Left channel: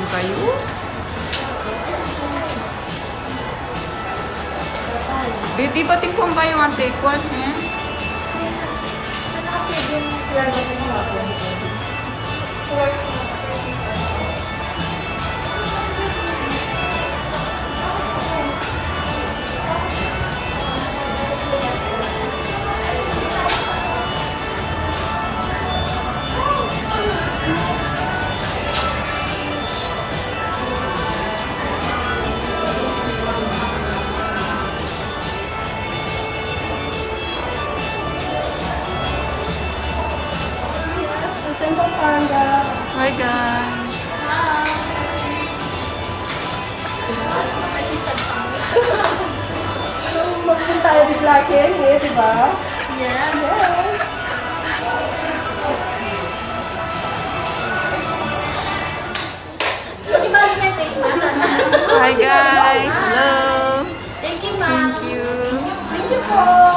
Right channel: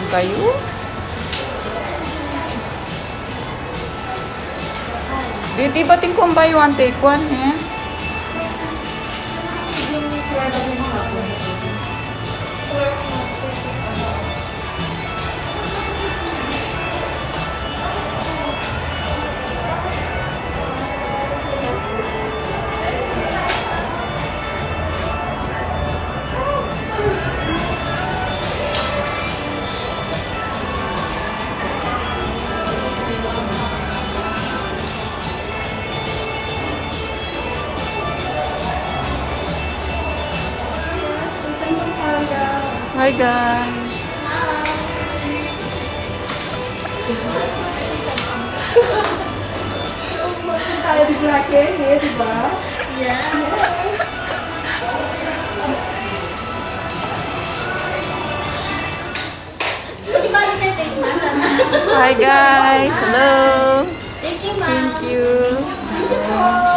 lang kayo. Di bating kung buy one take one, eh? Hi guys! Magpunta tayo sa Blacken, eh, di ba? Yeah. Yes. Hi guys! Hello! Thank you, ma'am. Thank you! Thank you po.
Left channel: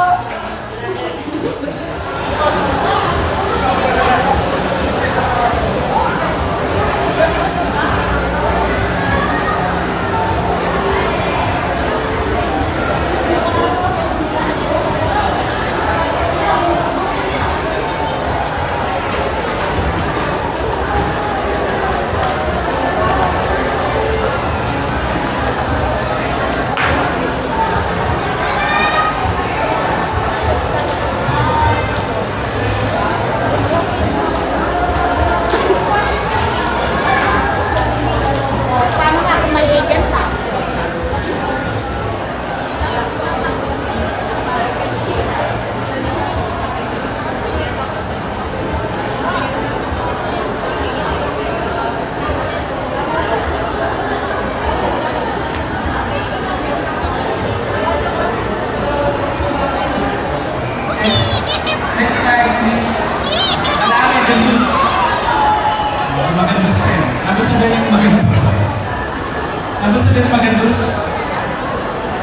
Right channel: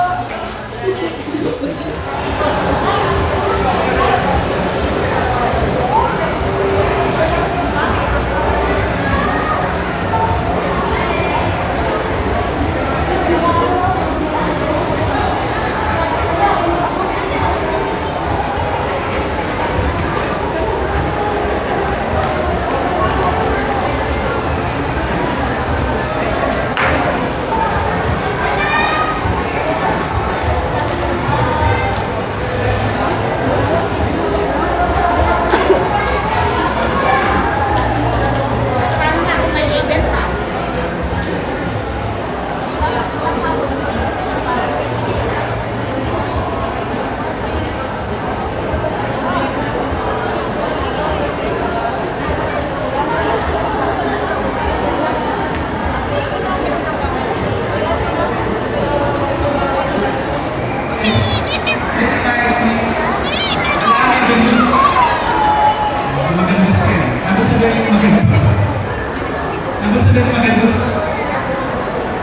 Ano sabihin Magandos?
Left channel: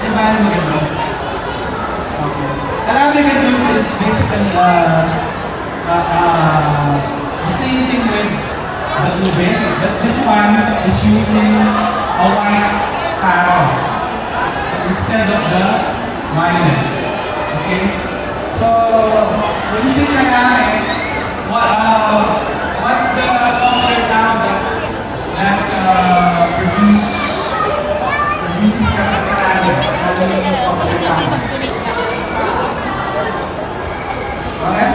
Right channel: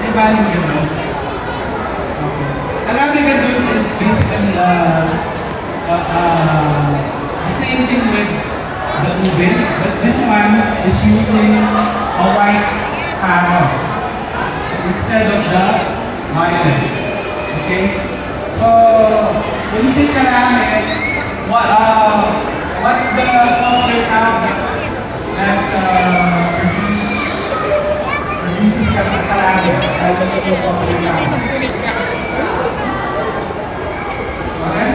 Eh, paano Magandos? Okay. Alam Magandos is basically the same thing with Balubin, but this one is using a white taro instead of the marine. Okay? So, when you say karame, what's the popular tawag that produces karame that nagiging popular tawag? Okay?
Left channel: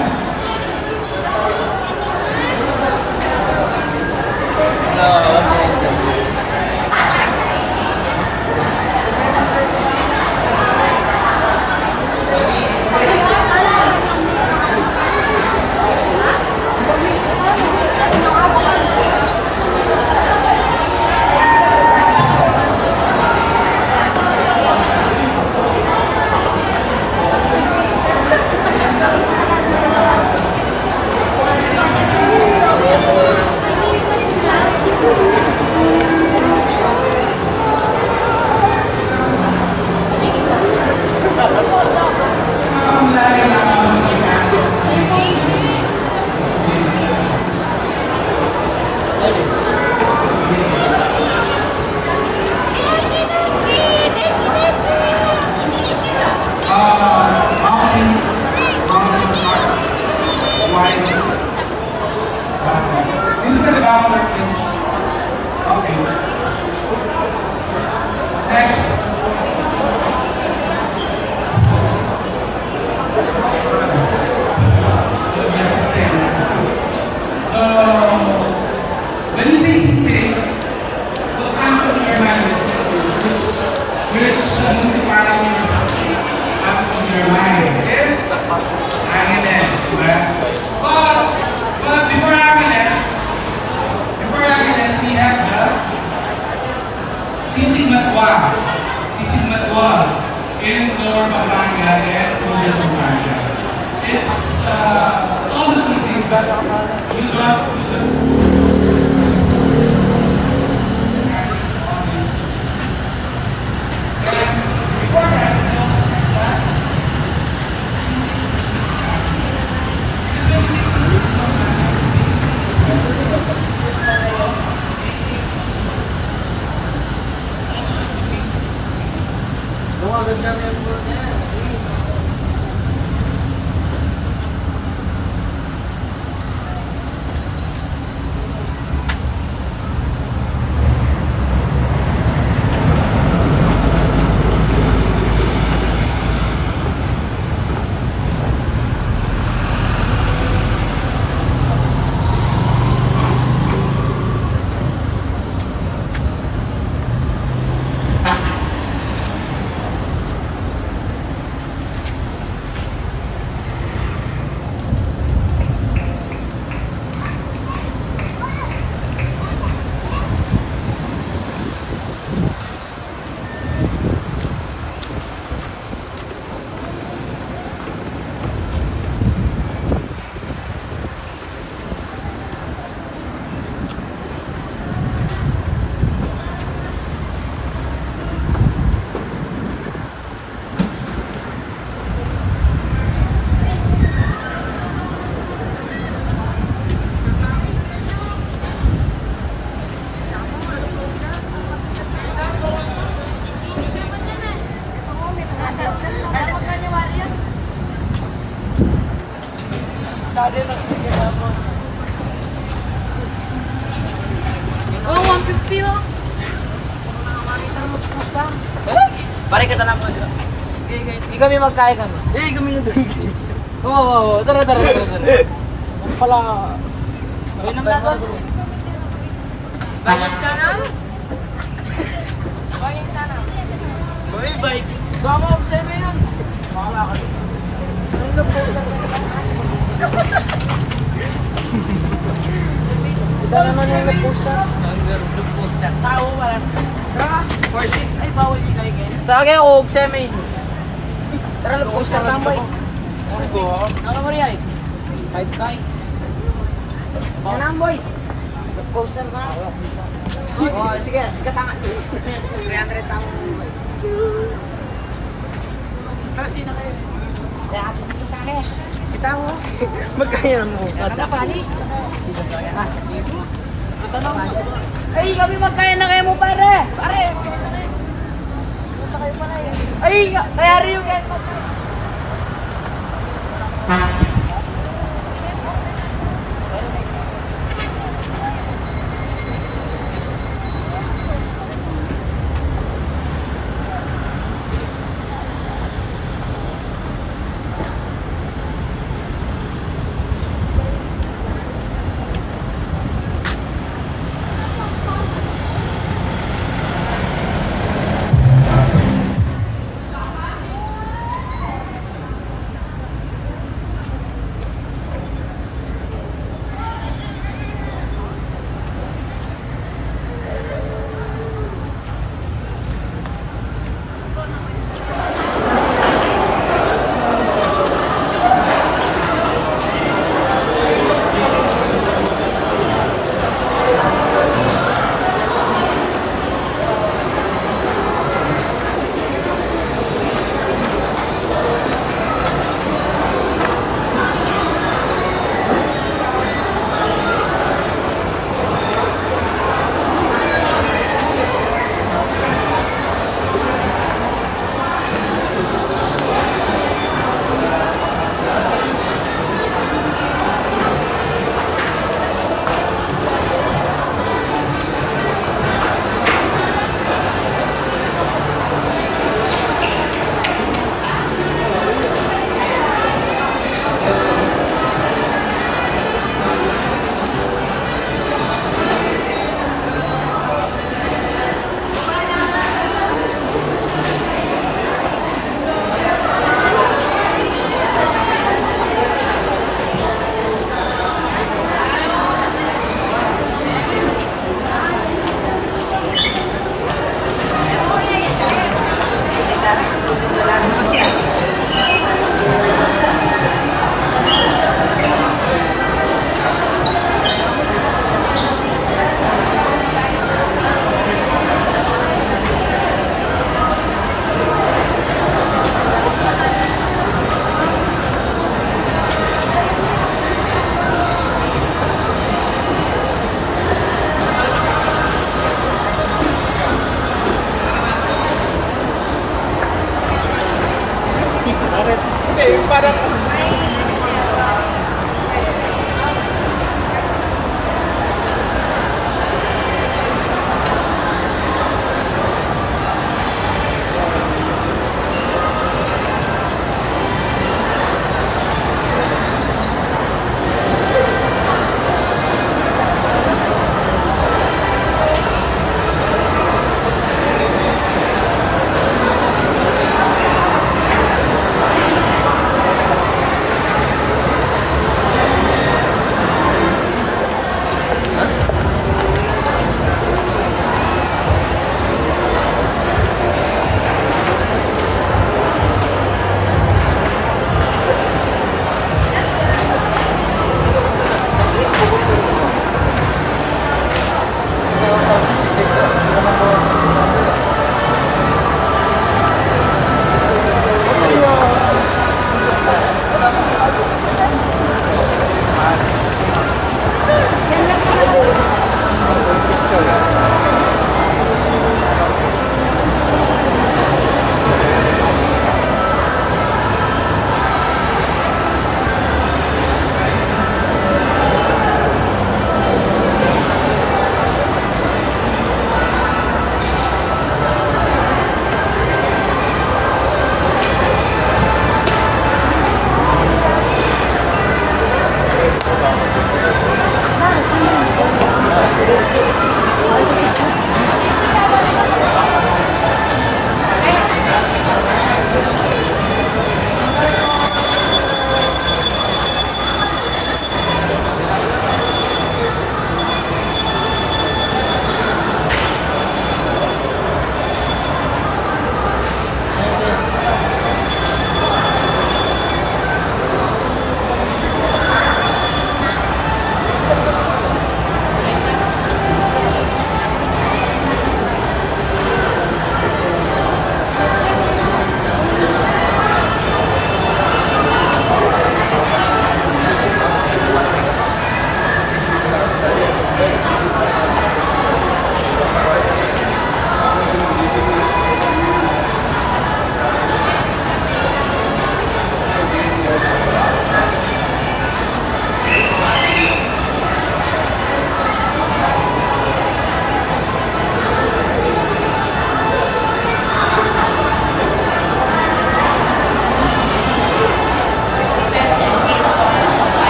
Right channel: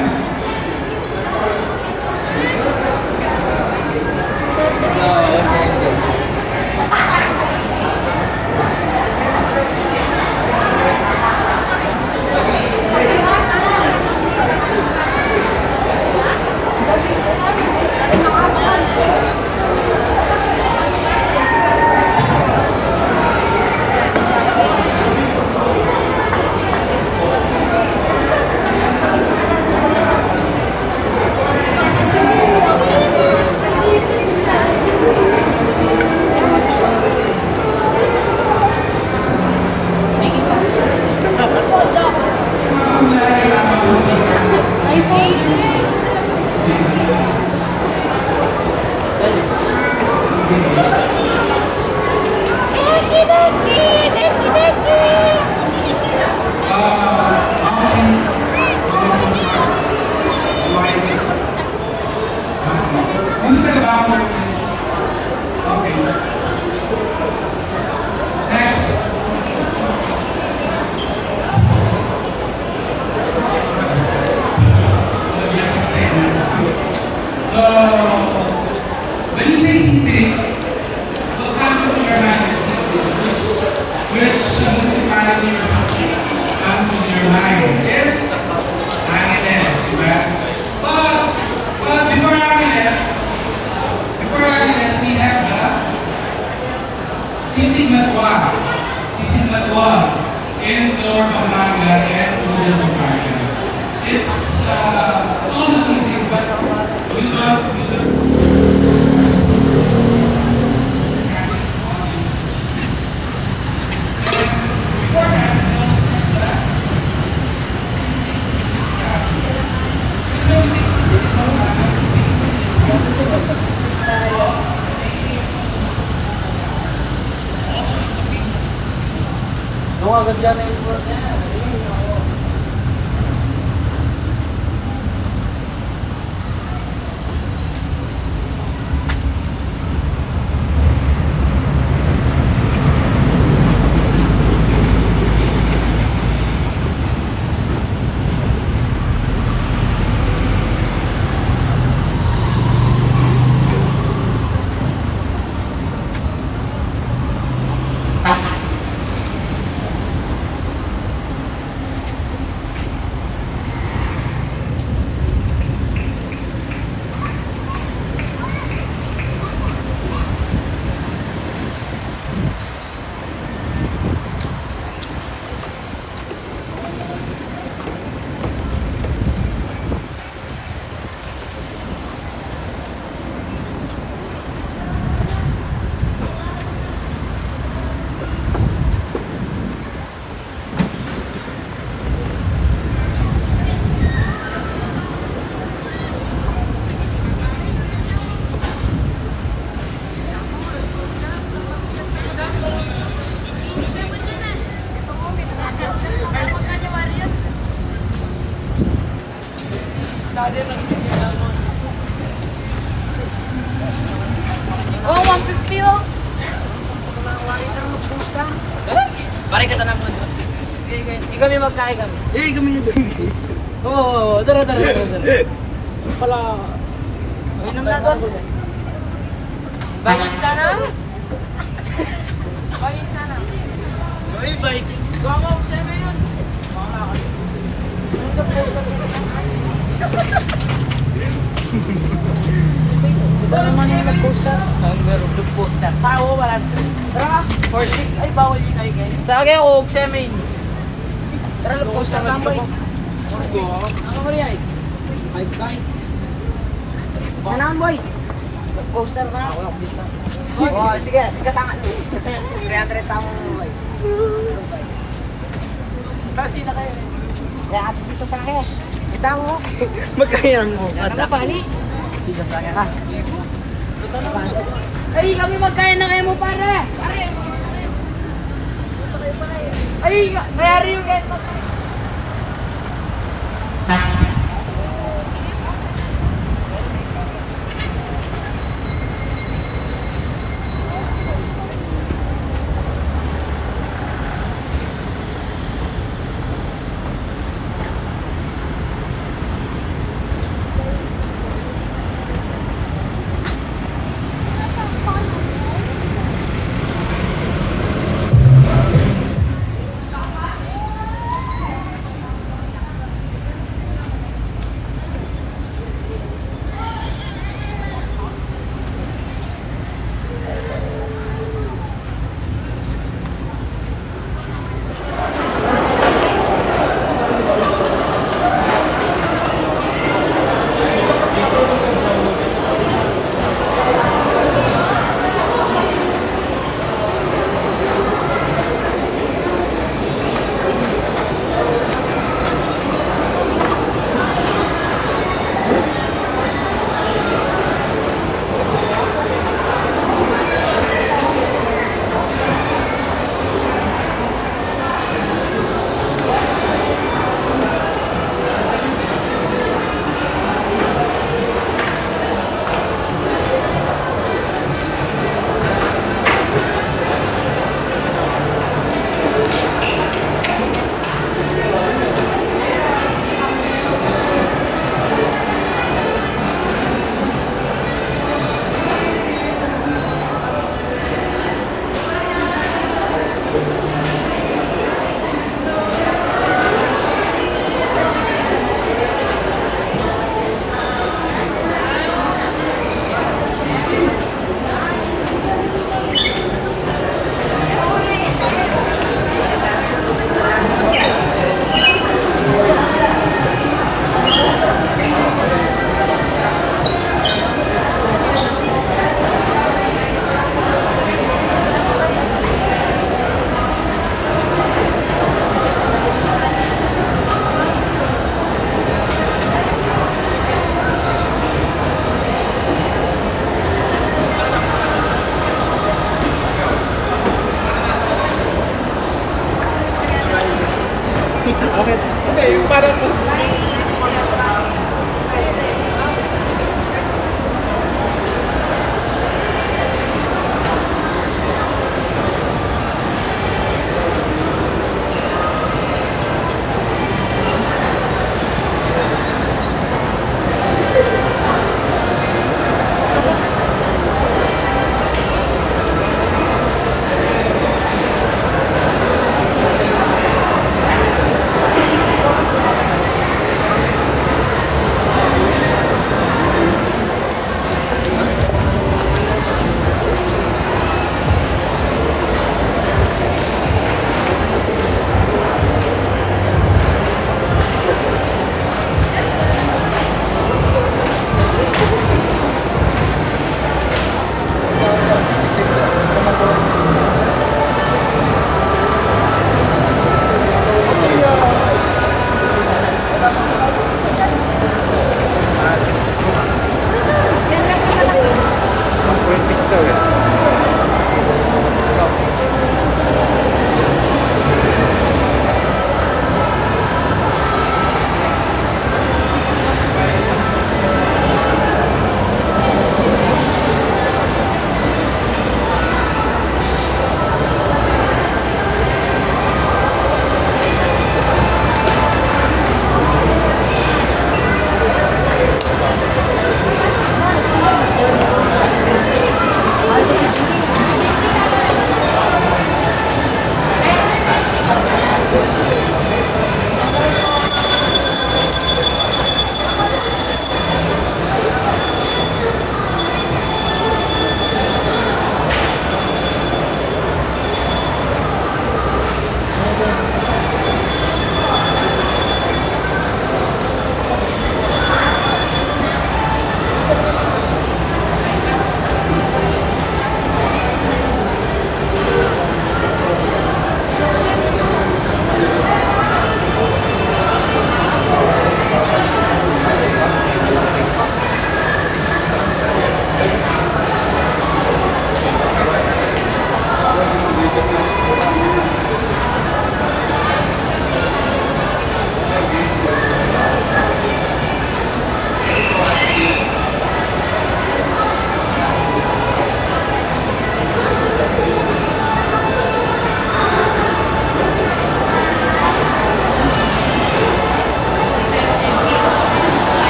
Okay. Next. So, when you say sisig, what comes to your mind is sisig? Which municipality or something comes to your mind? Is Angeles, diba? But before Angeles, we have the Sisig Matwa. Sisig Matwa in Lower Pampanga and Northern Pampanga. It's also sisig, but we don't. Oh, 150 oh. Pare kita na mo. Kami magkain kami. Kami nyo doon. Oo, tara. Pala. Ayun ang gagawin. Bangin ka na? Bangin ka na? Uy, bike. Gama ako sa'yo yan. Ito naman yung may poster. Yung poster. Tao ba? Tara, 46 ay bawal yung kayo. sa akin ako, semen. Tara, lang poster tambay. Ano mo riyan? 5K. Kailangan boy. Poster na. Sige, ikatangan. 300 tao. Isa sa akin. Kita mo. Magkaya mo. Ano pali? Isa sa akin ha. Ay, kami magkaya na kayo mo pare. Pare. Ay, kaya rin yung